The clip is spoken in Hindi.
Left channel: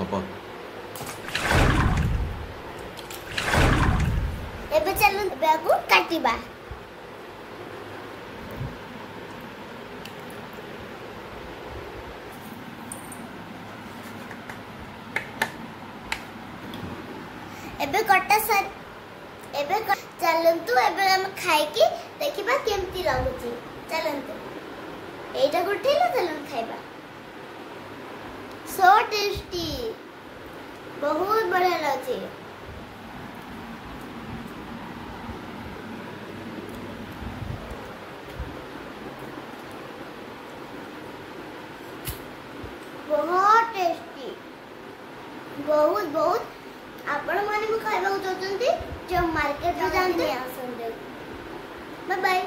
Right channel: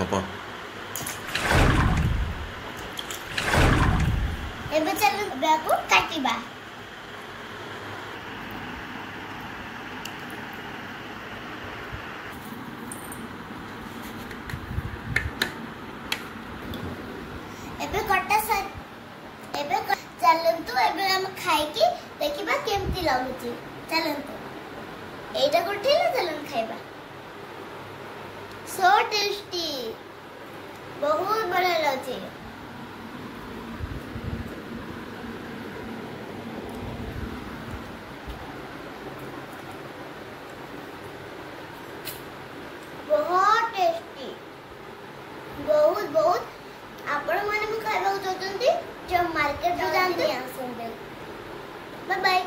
हपा एबे चलो बेगु काटिबा एबे कटा सा एबे चलंतु एबे हम खाइ की देखिबा केमती लागुची चलंतु एटा गुठे ना चलन खाइबा सो टेस्टी बहुत बढ़िया लागे बहुत टेस्टी बहुत बहुत आपण माने खाइबा चाहते जब मार्केट में जानते बाय बाय।